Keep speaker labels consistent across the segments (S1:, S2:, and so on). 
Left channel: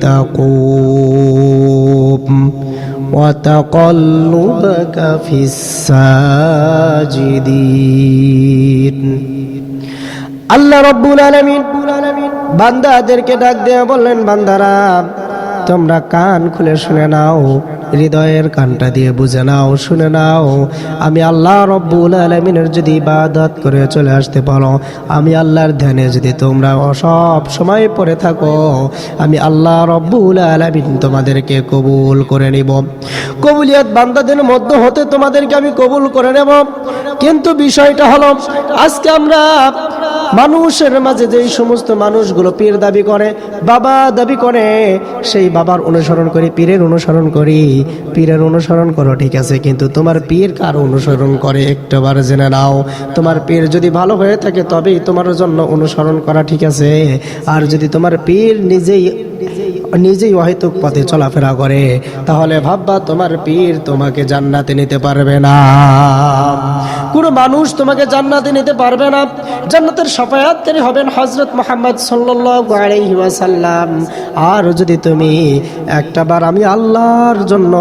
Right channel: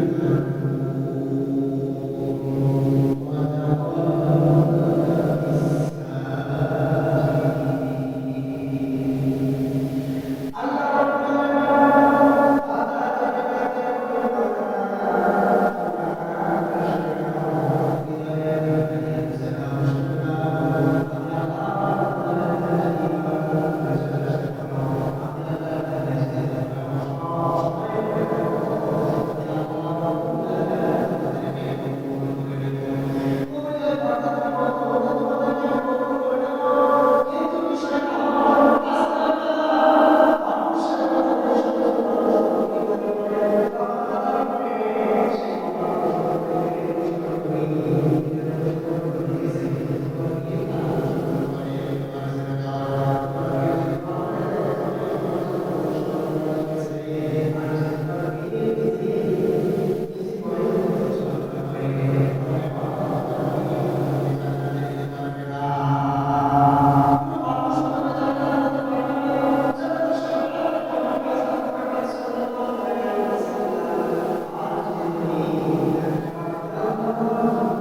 S1: تقوم وتقلبك في الساجدين আল্লাহ রব্বুল আলমিন বান্দাদেরকে ডাক দিয়ে বললেন বান্দারা তোমরা কান খুলে শুনে নাও হৃদয়ের কানটা দিয়ে বুঝে নাও, শুনে নাও। আমি আল্লাহ রব্বুল আলমিনের যদি ইবাদত করে চলে আসতে পারো, আমি আল্লাহর ধ্যানে যদি তোমরা সব সময় পড়ে থাকো, আমি আল্লাহ রব্বুল আলমিন তোমাদেরকে কবুল করে নিব। কবুলিয়াত বান্দাদের মধ্যে হতে তোমাদেরকে আমি কবুল করে নেব। কিন্তু বিষয়টা হলো, আজকে আমরা মানুষের মাঝে যেই সমস্ত মানুষগুলো পীর দাবি করে, বাবা দাবি করে, সেই বাবার অনুসরণ করি, পীরের অনুসরণ করি। পীরের অনুসরণ করো, ঠিক আছে, কিন্তু তোমার পীর কার অনুসরণ করে একটাবার জেনে নাও। তোমার পীর যদি ভালো হয়ে থাকে, তবেই তোমার জন্য অনুসরণ করা ঠিক আছে। আর যদি তোমার পীর নিজেই নিজেই অহেতুক পথে চলাফেরা করে, তাহলে ভাববা তোমার পীর তোমাকে জান্নাতে নিতে পারবে না। কোনো মানুষ তোমাকে জান্নাতে নিতে পারবে না। জান্নাতের সফায়াত তিনি হবেন হজরত মোহাম্মদ সাল্লাল্লাহু আলাইহি আর যদি তুমি একটা বার আমি আল্লাহর জন্য,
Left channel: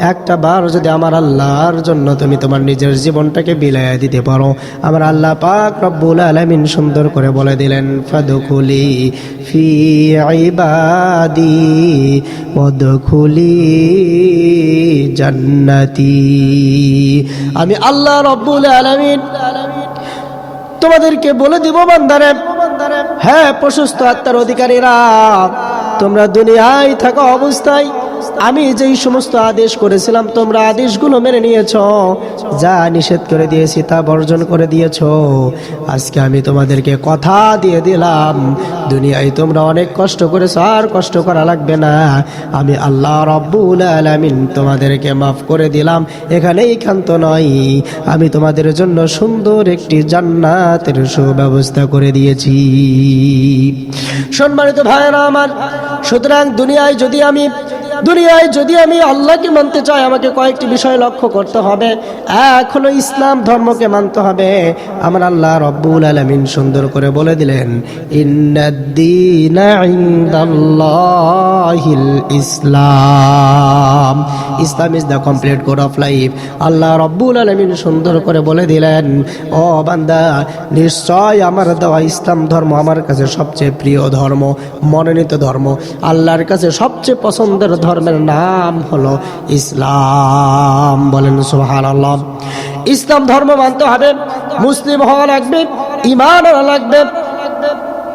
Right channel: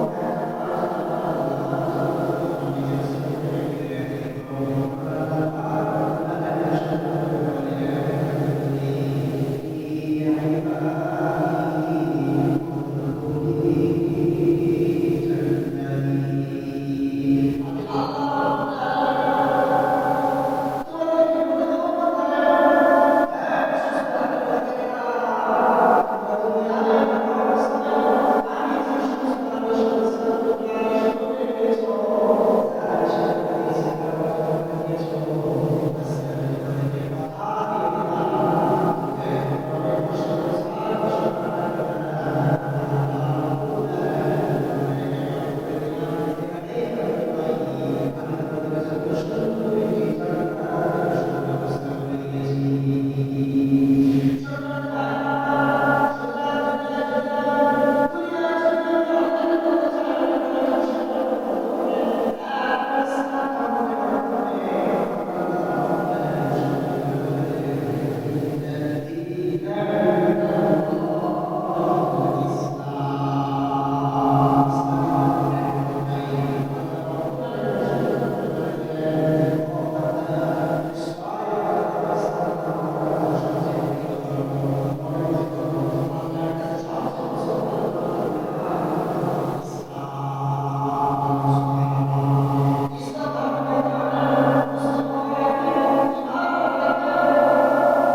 S1: একটা বার যদি আমার আল্লাহর জন্য তুমি তোমার নিজের জীবনটাকে বিলাইয়া দিতে পারো। আমার আল্লাহ পাক রব্বুল আলামিন সুন্দর করে বলে দিলেন ফাদুকুলি ফি পদ খুলি জান্নাতি। আমি আল্লাহ রব্বুল আলামিন তোমাদেরকে বলে দিব বান্দারে হ্যাঁ প্রশস্ত আত্মার অধিকারীরা, তোমরা দুনিয়ায় থাকা অবস্থায়। আমি যেই সমস্ত আদেশ করেছিলাম, তোমরা আদেশগুলো মেনে নিয়েছ, যা নিষেধ করে দিয়েছি তা বর্জন করে দিয়েছ। আজকে আমি তোমাদেরকে কথা দিয়ে দিলাম, দুনিয়ায় তোমরা অনেক কষ্ট করেছ, আর কষ্ট করা লাগবে না। আমি আল্লাহ রব্বুল আলামিন তোমাদেরকে মাফ করে দিলাম, এখানেই ক্ষান্ত নয় আমি তোমাদের জন্য সুন্দর একটি জান্নাতের সুব্যবস্থা করে দিয়েছি। সম্মানিত ভাইয়েরা আমার, সুতরাং দুনিয়ায় যদি আমি দুনিয়ায় যদি আমি আল্লাহকে মানতে চাই, আমাকে কয়েকটি বিষয় লক্ষ্য করতে হবে। হলো ইসলাম ধর্মকে মানতে হবে। আমার আল্লাহ রব্বুল আলমিন সুন্দর করে বলে দিলেন ইসলাম। Islam is the complete code of life. আল্লাহ রব্বুল আলমিন সুন্দর করে বলে দিলেন, ও বান্দা, নিশ্চয় আমার দেওয়া ইসলাম ধর্ম আমার কাছে সবচেয়ে প্রিয় ধর্ম, মনোনীত ধর্ম। আল্লাহর কাছে সবচেয়ে পছন্দের ধর্মের নাম হলো ইসলাম। বলেন সোহান আল্লাহ ইসলাম ধর্ম মানতে হবে। মুসলিম হওয়া লাগবে ইমান হওয়া লাগবে।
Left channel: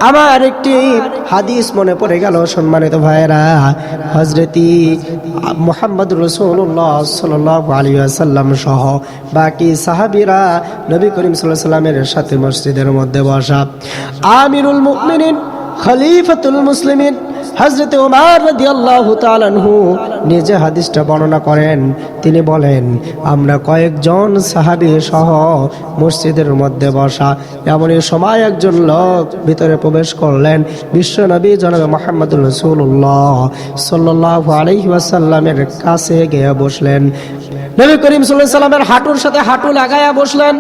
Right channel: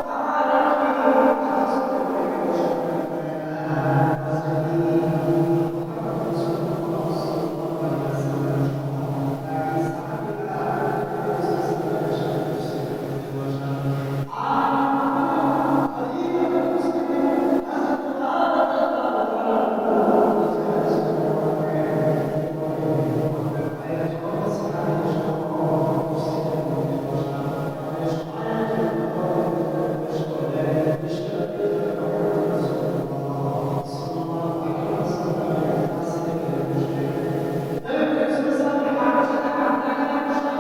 S1: আমার একটি হাদিস মনে পড়ে গেল, সম্মানিত ভাইয়েরা। হজরতি মোহাম্মদ রসুল্লাহ সাল আলী আসাল্লাম সহ বাকি সাহাবিরা নবী করিম সাল্লাহ সাল্লামের সাথে মসজিদের মধ্যে বসা। আমিরুল মুকমিনিন খলিফাতুল মুসলিমিন হজরত উমার রাদিয়াল্লাহু তাআলাহু নিজে হাদিসটা বর্ণনা করেন। তিনি বলেন, আমরা কয়েকজন সাহাবী সহ মসজিদের মধ্যে বসা, এমনই সময় একজন লোক ভিতরে প্রবেশ করলেন। বিশ্বনবী জনাবে মোহাম্মদ রসুল্লাহ সাল্লাল্লাহু আলাইহি ওয়াসাল্লামের কাছে গিয়ে বসলেন। নবী করিম সাল্লামের হাঁটুর সাথে হাঁটু লাগাইয়া বসলেন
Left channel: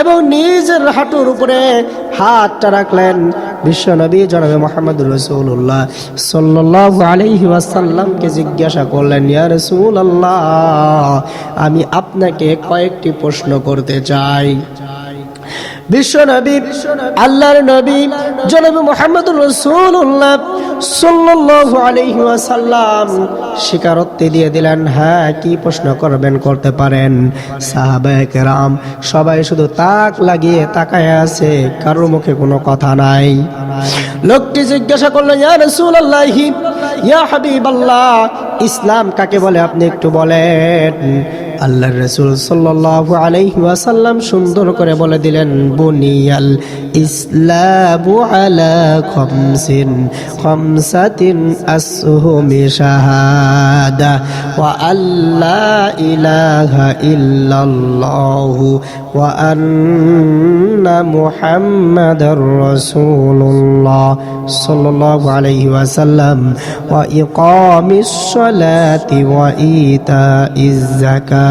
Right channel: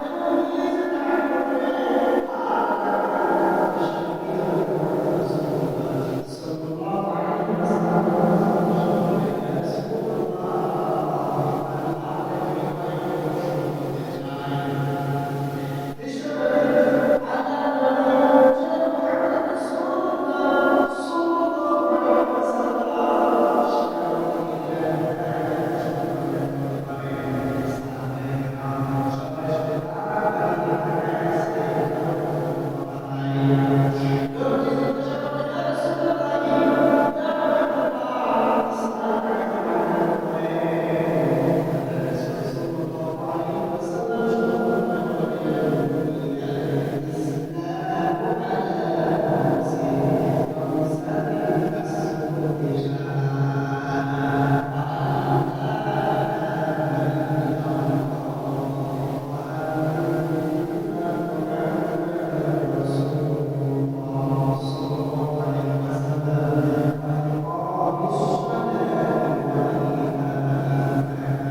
S1: এবং নিজের হাঁটুর উপরে হাতটা রাখলেন। বিশ্ব নবী জনাবে মোহাম্মদ রসুল্লাহ সাল্লাহ আলহি ওয়াসাল্লামকে জিজ্ঞাসা করলেন, ইয়া রসুল আল্লাহ আমি আপনাকে কয়েকটি প্রশ্ন করতে চাই। বিশ্ব নবী, আল্লাহর নবী জনাবে মোহাম্মদ রসুল্লাহ সাল্লাল্লাহু আলাইহি ওয়াসাল্লাম দিয়ে দিলেন হ্যাঁ কি প্রশ্ন করবেন করতে পারেন? সাহাবায়ে কেরাম সবাই শুধু তাক লাগিয়ে তাকায় আছে, কারোর মুখে কোনো কথা নাই। লোকটি জিজ্ঞাসা করল, ইয়া রাসূলুল্লাহি, ইয়া হাবিবাল্লাহ, ইসলাম কাকে বলে আপনি একটু বলেন? আল্লাহর রাসূল সাল্লাল্লাহু আলাইহি ওয়াসাল্লাম সুন্দর করে বলে দিলেন, বুনিয়াল ইসলামু আলা খামসাতিন আসহুমি শাহাদা, ওয়া আল্লা ইলাহা ইল্লাল্লাহু, ওয়া আন্না মুহাম্মাদার রাসূলুল্লাহ সাল্লাল্লাহু আলাইহি ওয়াসাল্লাম, ওয়া ইকামিস সালাতি ওয়া ইতাইজ যাকাতি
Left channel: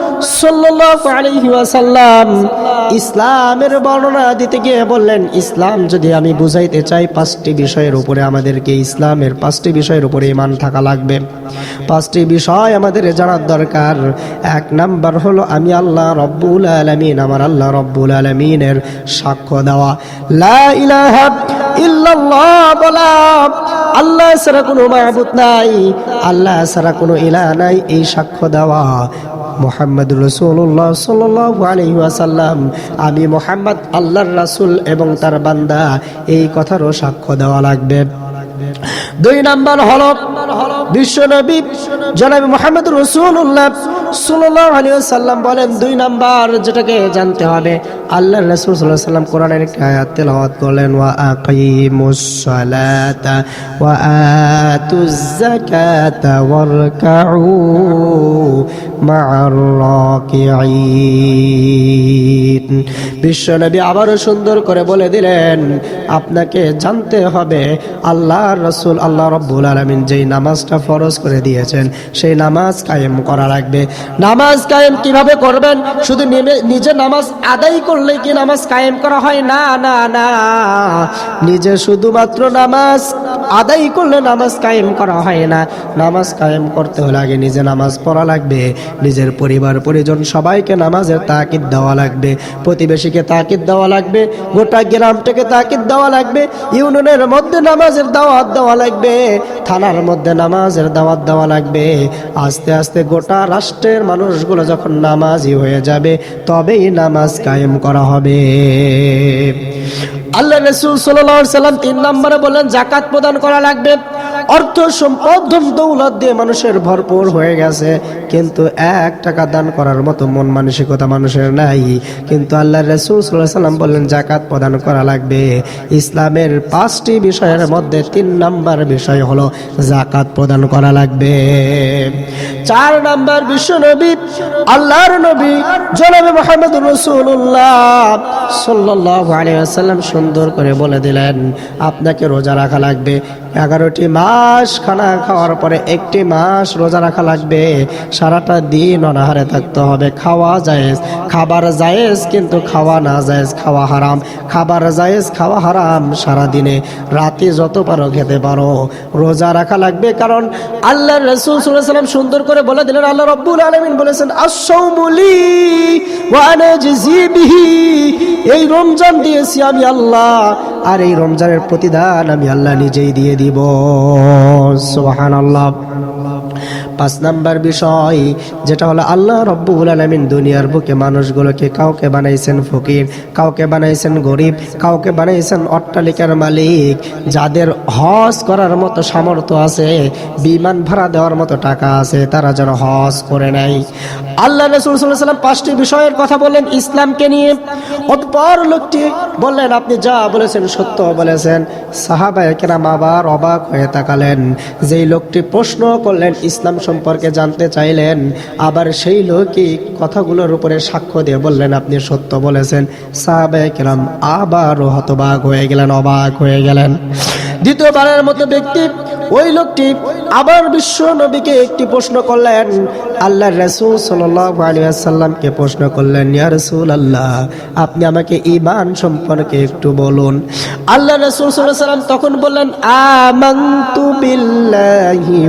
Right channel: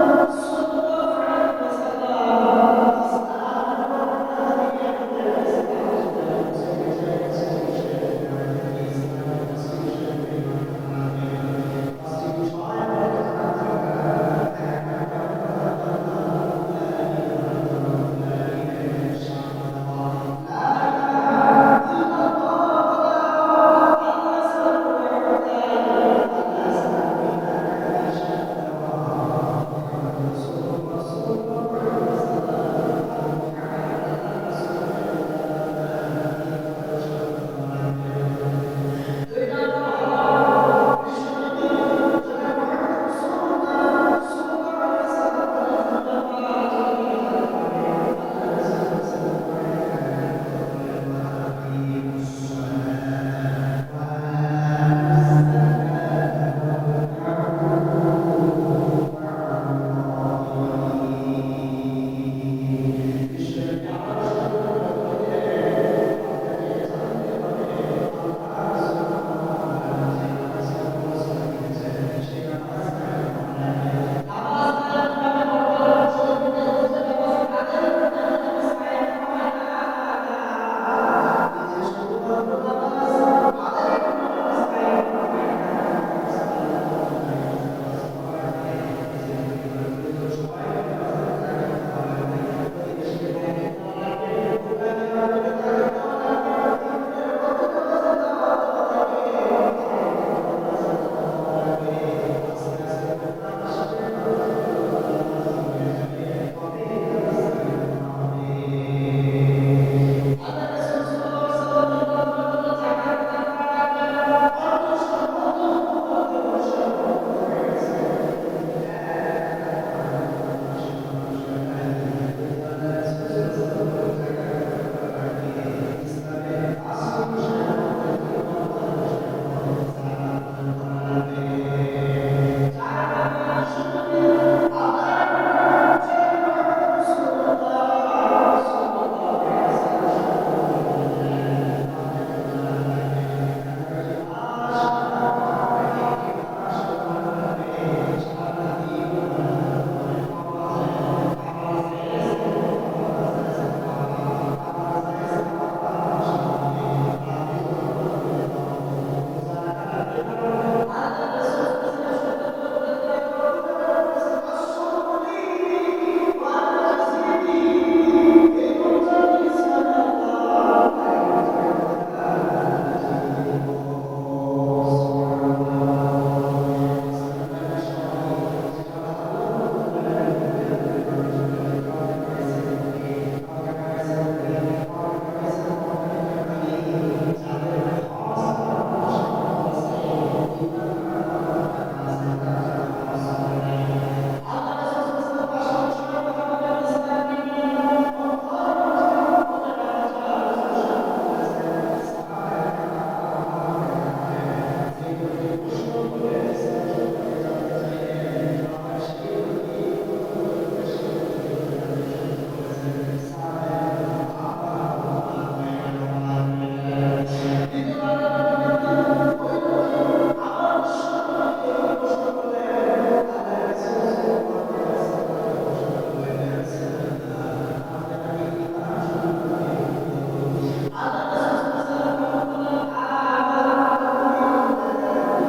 S1: ওয়াসাল্লাম ইসলামের বর্ণনা দিতে গিয়ে বললেন, ইসলাম যদি আমি বুঝাইতে চাই, পাঁচটি বিষয়ের উপরে আমাদেরকে ইসলামের পাঁচটি বিষয়ের উপরে ইমান থাকা লাগবে। পাঁচটি বিষয় আমাদের জানার দরকার। এক নাম্বার হলো, আমি আল্লাহ রব্বুল আলমিন, আমার আল্লাহ রব্বুল আলমিনের সাক্ষ্য দেওয়া। লা আল্লাহ ছাড়া কোনো মাহবুদ নাই, আল্লাহ ছাড়া কোনো ইলা নাই, এই সাক্ষ্য দেওয়া। মোহাম্মদ রসুল্লাহ সাল্লাহ আলহি আসাল্লাম আমি মোহাম্মদ, আল্লাহর রাসুল এবং তার বান্দা, এই কথারও সাক্ষ্য দেওয়া লাগবে। দুই নাম্বার হল বিশ্বনবী জনাবি মোহাম্মদ রসুল্লাহ সাল্লাহ আলী সাল্লাম বলেন দুই নাম্বার যেটাকে জানতে হবে আল্লাহ রসুল সাল্লাহ সাল্লাম কোরআনের একটি আয়াত তেলাওয়াত করলেন, ওয়া ওয়া আতুজ যাকাতা ওয়ারকাউ মা'আর বিশ্বনবী আবারও সুন্দর করে বলে দিলেন, আপনাকে জানতে হবে আল্লাহ রসুল আল্লাহ রব্বুল আলমিন যেই নামাজটা ফরজ করে দিয়েছেন, সেই নামাজ কায়েম করা লাগবে। নামাজ কায়েম কীভাবে করবেন? শুধু নিজে নামাজ আদায় করলে কি নামাজ কায়েম করা হয়? না না না। নিজে শুধুমাত্র নামাজ আদায় করলে নামাজ কায়েম করা হয় না। নামাজ কায়েম করতে হলে আগে নিজে নামাজ পড়া লাগবে। নিজের পরিবার, পরিজন সবাইকে নামাজের তাকিদ দেওয়া লাগবে। প্রতিবেশীকে তাকিদ দেওয়া লাগবে। গোটা গ্রামটাকে তাকিদ দেওয়া লাগবে। ইউনিয়নের মধ্যে নামাজের দাওয়াত দেওয়া লাগবে। থানার মধ্যে নামাজের দাওয়াত দেওয়া লাগবে। আস্তে আস্তে গোটা রাষ্ট্রের মানুষগুলো যখন নামাজি হয়ে যাবে, তবেই নামাজ কায়েম করা হবে। আল্লাহ রসুল সাল্লাম তিন নম্বরে বললেন জাকাত প্রদান করা লাগবে। অর্থ সম্পদ দৌলত দিয়ে মানুষের ভরপুর হয়ে গেছে। কিন্তু এক টাকা দান করার মতো মন মানসিকতা মানুষের নাই। কিন্তু আল্লাহ রসুল সাল্লাম বললেন, জাকাত প্রদান করা লাগবে। ইসলামের পাঁচটি বিষয়ের মধ্যে তিন নাম্বার বিষয় হলো জাকাত প্রদান করা লাগবে। চার নাম্বার বিশ্ব নবী, আল্লাহর নবী, জনাবে মোহাম্মদ রসুল্লাহ সাল্লাহ আলিয়াল্লাম সুন্দর করে বলে দিলেন, আপনাকে রোজা রাখা লাগবে। এগারোটি মাস খানা খাওয়ার পরে একটি মাস রোজা রাখা লাগবে। সারাটা দিন অনাহারে থাকতে হবে। খাওয়া জায়েজ। খাবার জায়েজ, কিন্তু খাওয়া না জায়েজ, খাওয়া হারাম। খাবার জায়েজ, খাওয়া হারাম সারা দিনে রাতে যত পারো খেতে পারো। রোজা রাখা লাগবে কারণ আল্লাহ রসুল সাল্লাম সুন্দর করে বলে দিলেন, আল্লাহ রব্বুল আলমিন বলেছেন আসৌমলি এই রমজান দিয়েছি আমি আল্লাহ। আর এই রমজানের প্রতিদান আমি আল্লাহ নিজেই দিয়ে দিব সুবাহান আল্লাহ পাঁচ নাম্বার বিষয়, যেটা হলো আল্লাহ রব্বুল আলমিন দুনিয়ার বুকে মানুষগুলোকে কাউকে বানাইছেন ফকির, কাউকে বানাইছেন গরিব, কাউকে বানাইছেন অট্টালিকার মালিক, যাদের হজ করার মতো সামর্থ্য আছে, বিমান ভাড়া দেওয়ার মতো টাকা আছে, তারা যেন হজ করে নেয়। আল্লাহ রসুল সাল্লাম পাঁচটি বিষয়ের কথা বললেন ইসলামকে নিয়ে। অতপর লোকটি বললেন, আপনি যা বলেছেন সত্য বলেছেন। সাহাবায় কেরাম আবার অবাক হয়ে তাকালেন। যেই লোকটি প্রশ্ন করলেন, ইসলাম সম্পর্কে জানতে চাইলেন, আবার সেই লোকই কথাগুলোর উপরে সাক্ষ্য দিয়ে বললেন, আপনি সত্য বলেছেন। সাহাবায় কেরাম আবারও হতবাক হয়ে গেলেন, অবাক হয়ে গেলেন। দ্বিতীয়বারের মতো ব্যক্তি, ওই লোকটি আবার বিশ্ব নবীকে একটি প্রশ্ন করলেন। আল্লাহ রসুল সাল্লামকে প্রশ্ন করলেন, ইয়া রসুল আল্লাহ আপনি আমাকে ইমান সম্পর্কে একটু বলুন। আল্লাহ রসুল সাল্লাম তখন বললেন মালাইকাতিহি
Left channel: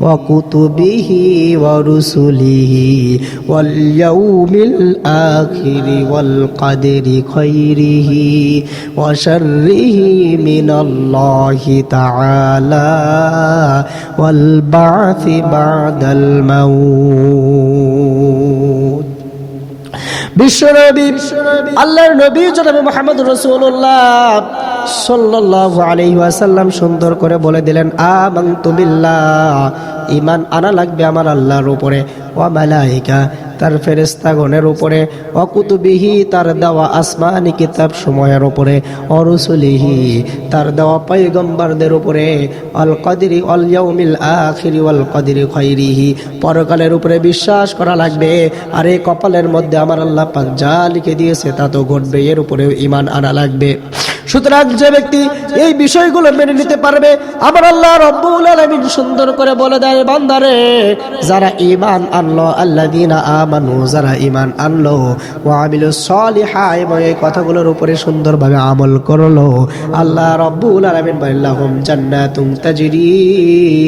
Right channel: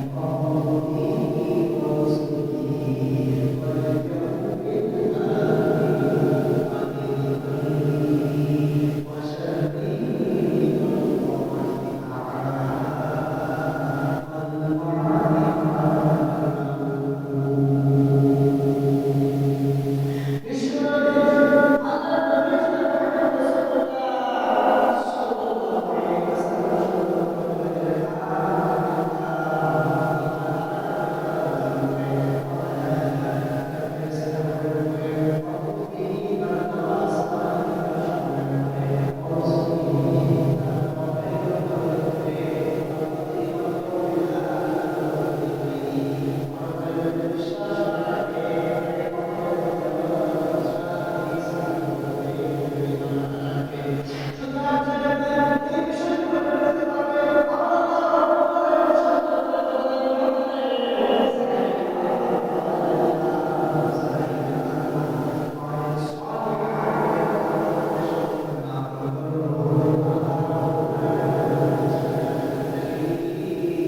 S1: ওয়া কুতুবিহি ওয়া রুসুলিহি ওয়াল ইয়াউমিল আখিরি ওয়াল কদরি খাইরিহি وشره من الله تعالى والبعث بعد الموت বিশ্বনবী আল্লাহর নবী জনাবে মোহাম্মদ রসুল্লাহ আলাইহি ওয়াসাল্লাম সুন্দর করে বলে দিলেন, আমানতু তুমিল্লা ইমান আনা লাগবে আমার আল্লাহর উপরে। ওয়া মালাইকা তার ফেরেস্তাগণের উপরে, অকুতুবিহি তার দেওয়া আসমানি কিতাব সময়ের উপরে, অরুসুলিহি তার দেওয়া পৈগম্বরদের উপরে অল কদিরি অল ইয়াউমিল আখিরি অল কদিরি খৈরিহি পরকালের উপরে বিশ্বাস করা লাগবে, আর এই কপালের মধ্যে আমার আল্লাহ পাক যা লিখে দিয়েছে তা তো ঘটবে, এর উপরে ইমান আনা লাগবে। সুতরাং যে ব্যক্তি এই বিষয়গুলো মেনে নিতে পারবে, আমার আল্লাহ রব্বুল আলামিন সুন্দর করে বলে দেয়, বান্দারে, যারা ঈমান আনলো, আল্লাযীনা আমানু, যারা ইমান আনলো, ওয়া আমিলুস সলিহা, এবং এই কথাগুলোর উপরে সুন্দরভাবে আমল করল। আল্লাহ রব্বুল আলামিন বললাহুম জান্নাতুম তাজরি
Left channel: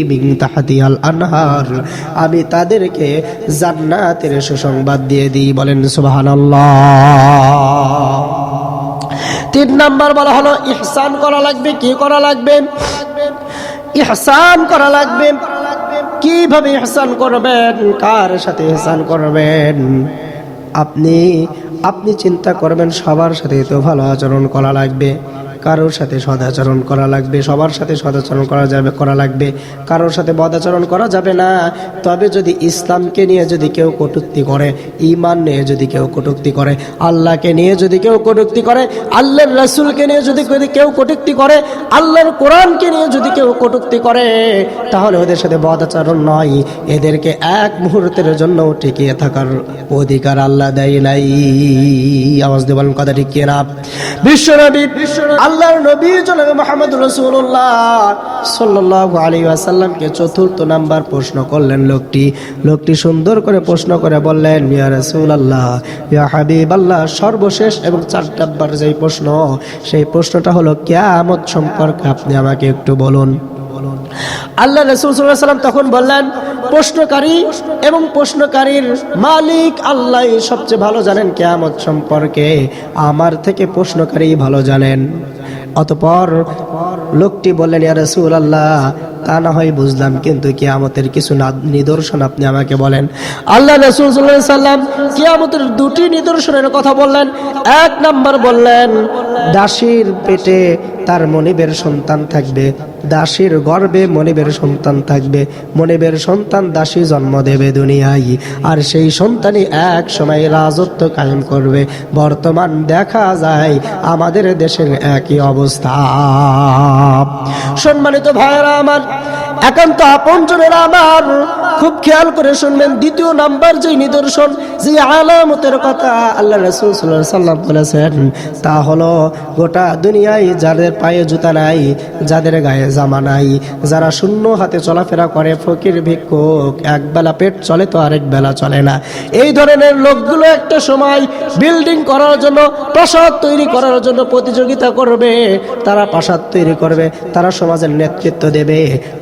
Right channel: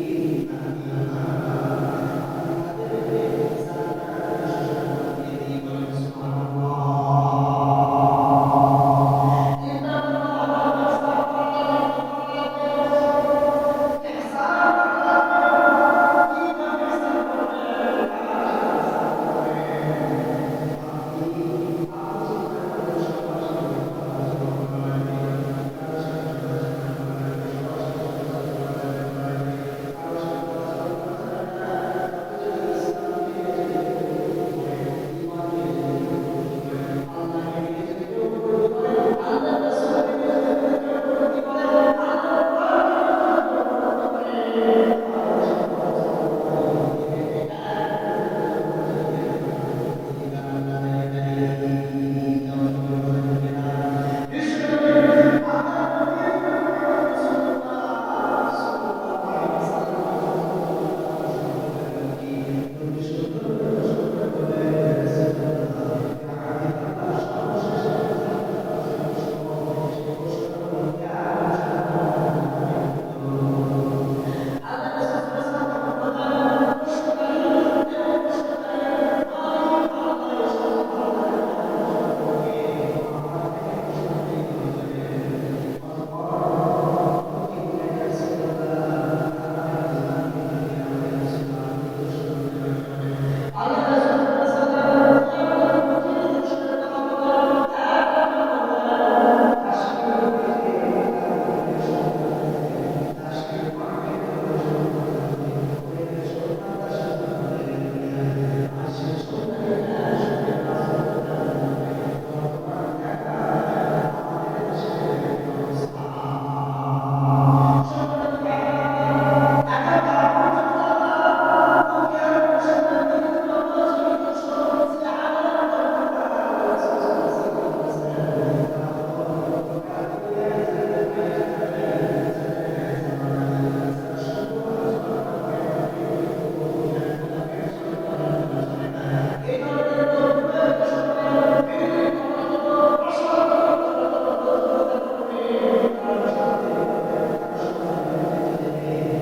S1: মিন তাহতিহাল আনহার। আমি তাদেরকে জান্নাতের সুসংবাদ দিয়ে দিই, বলেন সুবহানাল্লাহ। তিন নাম্বার বলা হলো, ইহসান করা লাগবে, কি করা লাগবে? ইহসান করা লাগবে। কীভাবে হেসান করবেন? কার সাথে হেসান করবেন? আপনি আপনি চিন্তা করবেন, সবার সাথে তো ভালো আচরণ করা লাগবে। কারোর সাথে সদাচরণ করা লাগবে, সবার সাথে সদাচরণ করা যাবে, করা লাগবে। কারোর সাথে বদাচরণ করা যাবে না। তবে যদি ইসলামকে নিয়ে যদি কেউ কটুক্তি করে ইমান নিয়ে যদি কেউ কটূক্তি করে, আল্লাহকে নিয়ে যদি কেউ কটূক্তি করে, আল্লাহর রাসূলকে নিয়ে যদি কেউ- কেউ কটূক্তি করে, আল্লাহর কোরআনকে নিয়ে যদি কেউ কটূক্তি করে, তাহলে ওদের সাথে বদাচরণ নয়। এদেরকে এক মুহূর্তের জন্য টিকিয়ে থাকার অধিকার আল্লাহ দেয় নাই। আওয়াজ দেবেন কথা ঠিক কিনা বিশ্বনবী আল্লাহর নবী জনাবে মোহাম্মদ রসুল্লাহ সাল্লাল্লাহু আলাইহি ওয়াসাল্লামকে চতুর্থ নাম্বার প্রশ্ন করলেন লোকটি। লোকটি সুন্দর করে প্রশ্ন করে বললেন, ইয়া রাসূলুল্লাহ, ইয়া হাবিব আল্লাহ সর্বশেষ এবং চার নাম্বার যেই প্রশ্ন, সেই প্রশ্নটা হলো, কিয়ামত সম্পর্কে আপনি আমাকে একটু বলুন। আল্লাহ রসুল সাল্লাহ সাল্লাম তখন বললেন, প্রশ্নকারী এবং প্রশ্নকারীর মালিক আল্লাহ সবচেয়ে ভালো জানেন কেয়ামত সম্পর্কে। আমার থেকে প্রশ্নকারী ভালো জানেন। অতপর লোকটি বললেন, ইয়া রসুল আল্লাহ তা না হয় বুঝলাম, কিন্তু কিয়ামতের কিছু নিদর্শন আপনি আমাকে বলেন। আল্লাহ রসুল সাল্লাম কিয়ামতের দুটি নিদর্শনের কথা বললেন। এক নাম্বার বললেন, দাসীর পেটে তার মনিবের সন্তান থাকবে। দাসীর গর্বে মনিবের সন্তান থাকবে। মনিবের সন্তান দাসী জন্ম দেবে দুনিয়ায়। আর সেই সন্তানই এক সময় রাজত্ব কায়েম করবে। বর্তমান দেখা যায়, আমাদের দেশের একই অবস্থা। সম্মানিত ভাইয়েরা আমার, একান্ত আপনজনেরা আমার খুব খেয়াল করে শুনবেন, দ্বিতীয় নাম্বার যে নিদর্শন যে আলামতের কথা আল্লাহ রসুল সাল্লাম বলেছেন, তা হলো গোটা দুনিয়ায় যাদের পায়ে জুতা নাই, যাদের গায়ে জামা নাই, যারা শূন্য হাতে চলাফেরা করে, ফকির, ভিক্ষুক, এক বেলা পেট চলে তো আরেক বেলা চলে না। এই ধরনের লোকগুলো একটা সময় বিল্ডিং করার জন্য, প্রাসাদ তৈরি করার জন্য প্রতিযোগিতা করবে, তারা প্রাসাদ তৈরি করবে, তারা সমাজের নেতৃত্ব দেবে।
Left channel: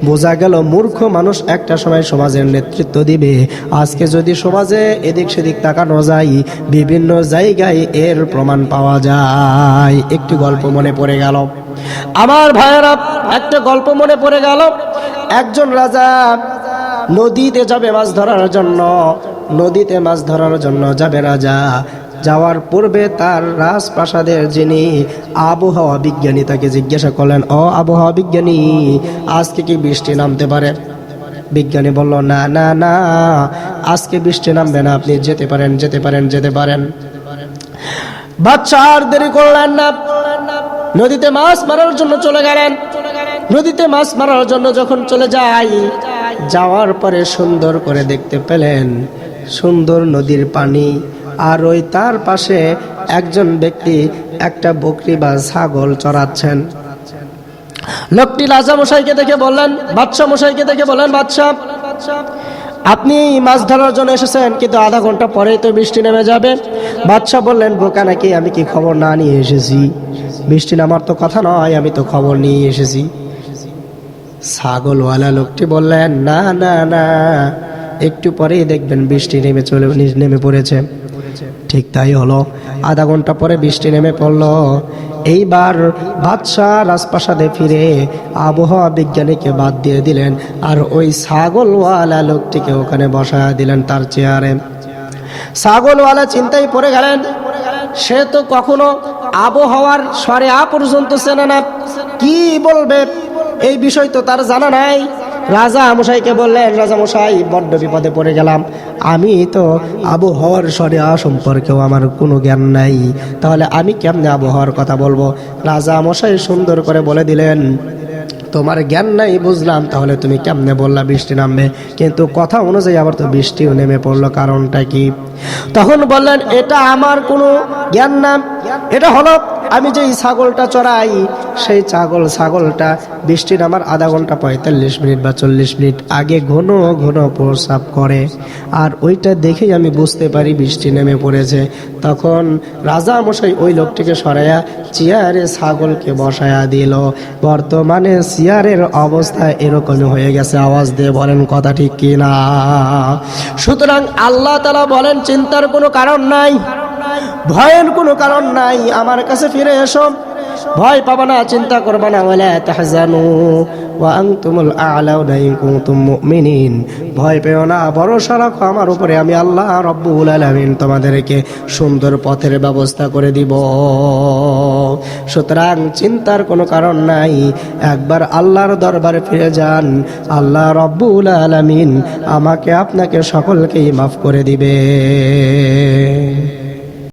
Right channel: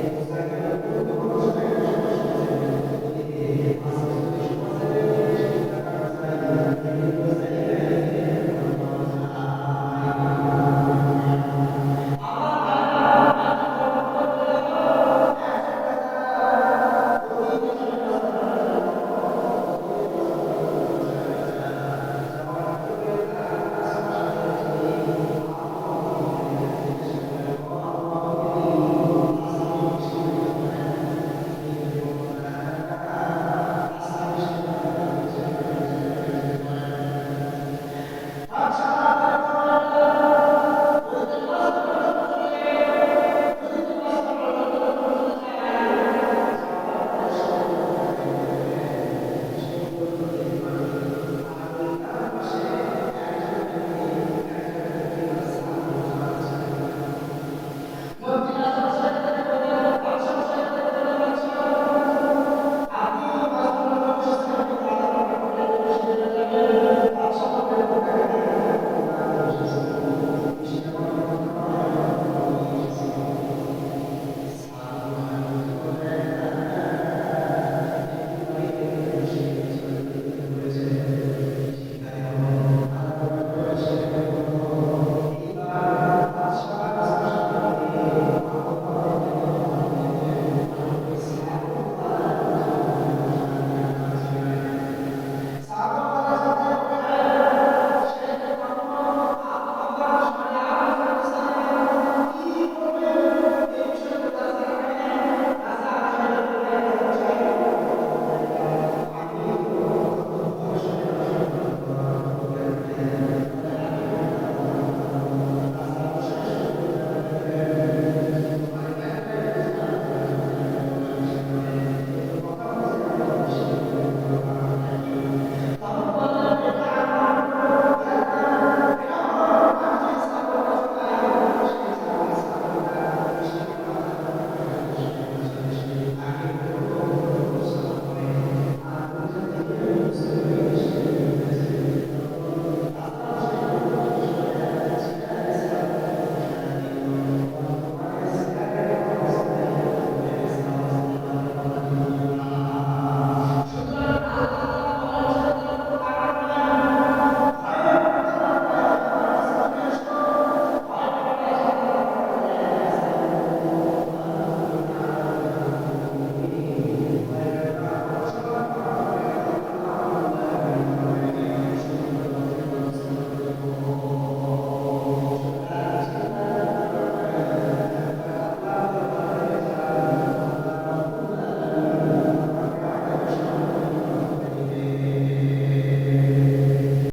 S1: বোঝা গেল মূর্খ মানুষ একটা সময় সমাজের নেতৃত্ব দিবে। আজকে যদি সমাজে এদিক সেদিক তাকানো যায়, বিভিন্ন জায়গায় এর প্রমাণ পাওয়া যায়। একটি গল্প মনে পড়ে গেল। আমার ভাইয়েরা, একটা গল্প মনে পড়ে গেল। একজন রাজা নদীতে যাবে মাছ ধরার জন্য। নদীতে মাছ ধরার জন্য যাবে রাজা। যাওয়ার পূর্বে তার রাজপ্রাসাদের যিনি আবহাওয়া বিজ্ঞানী তাকে জিজ্ঞাসা করলেন, ও আবহাওয়া বিজ্ঞানী, আজকে কি বৃষ্টি নামতে পারে? বিজ্ঞানী বলল, না না না, আজকে বৃষ্টি নামবে না, আপনি যেতে পারেন যেতে পারেন যেতে পারেন। বাচ্চা আর দেরি করলেন না। নদীতে মাছ মারার জন্য চলে গেলেন। নদীতে মাছ মারার জন্য যখন চলে যাই যাওয়ার পরে সুন্দর করে দেখতে পেলেন সুন্দর নদীর পানি। আর ওই তার পাশে একজন ব্যক্তি একটা বকরি বা ছাগল চড়াচ্ছেন। লোকটি রাজা মশাইকে দেখে বললেন বাদশাহ মশাইকে দেখে বললেন বাদশাহ আপনি মাছ ধরার জন্য এসেছেন, কিন্তু আধা ঘণ্টা পরেই তো বৃষ্টি নেমে যাবে। বাদশাহ বললেন, বোকা নাকি, আমি কি খবর না নিয়ে এসেছি? বৃষ্টি নামার তো কথা নয়, আমি তো খবর নিয়ে এসেছি। ছাগলওয়ালা লোকটি বললেন, না না না, একটু পরেই দেখবেন বৃষ্টি নেমে চলে, নেমে পড়েছে। ঠিক তাই হলো, আধা ঘণ্টা পরে বৃষ্টি নেমে পড়ল। এইবার বাদশাহ রাজপ্রাসাদে ফিরে আবহাওয়া বিজ্ঞানীকে বাদ দিয়ে দিলেন আর ওই ছাগলওয়ালা লোকটিকে ওখানে বসা দিলেন তার চেয়ারে। ছাগলওয়ালা চিন্তায় পড়ে গেলেন, সে তো কখনো আবহাওয়ার স্বরে আ পর্যন্ত চেনে না। কি বলবে? এই বিষয় তো তার জানা নাই। রাজা মশাইকে বললেন, রাজা মশাই, বড্ড বিপদে পড়ে গেলাম। আমি তো আবহাওয়ার স্বরে সম্পর্কেও আমার কোনো জ্ঞান নাই। তাহলে আমি কেমনে আবহাওয়ার কথা বলব? রাজা মশাই সুন্দর করে বলে দিলেন, তোমার জ্ঞান নাই বুঝলাম, তাহলে তুমি কেমনে বললা বৃষ্টি নামবে? কিন্তু কথা অনুযায়ী আবার তো বৃষ্টিও নেমে পড়ল, কারণটা কি? তখন বললেন, এটা আমার কোনো জ্ঞান না, এটা হলো আমি যেই ছাগলটা চড়াই, সেই ছাগল, ছাগলটা বৃষ্টির আমার আধা ঘণ্টা পঁয়তাল্লিশ মিনিট বা চল্লিশ মিনিট আগে ঘন ঘন প্রস্রাব করে। আর ওইটা দেখেই আমি বুঝতে পারি বৃষ্টি নেমে পড়েছে। তখন রাজা মশাই ওই লোকটিকে সরাইয়া চেয়ারে ছাগলকে বসায়া দিল। বর্তমানে চেয়ারের অবস্থা এরকমই হয়ে গেছে। আওয়াজ দিয়ে বলেন, কথা ঠিক কি না? সুতরাং আল্লাহ তালা বলেন, চিন্তার কোনো কারণ নাই। ভয়ের কোনো কারণ নাই, আমার কাছে ফিরে এসো। ভয় পাবা না, চিন্তা করবা না বলে তাহজানু, ওয়া আনতুমুল আ'লাউনা ইন কুনতুম মুমিনিন। ভয় পেও না, ভরসা রাখো আমার উপরে, আমি আল্লাহ রব্বুল আলামিন তোমাদেরকে সুন্দর পথের ব্যবস্থা করে দিব। সুতরাং চিন্তার কোনো কারণ নাই, একবার আল্লাহর দরবারে ফিরে যান। আল্লাহ রব্বুল আলামিন আমাকে আপনাকে সকলকেই মাফ করে দিবে।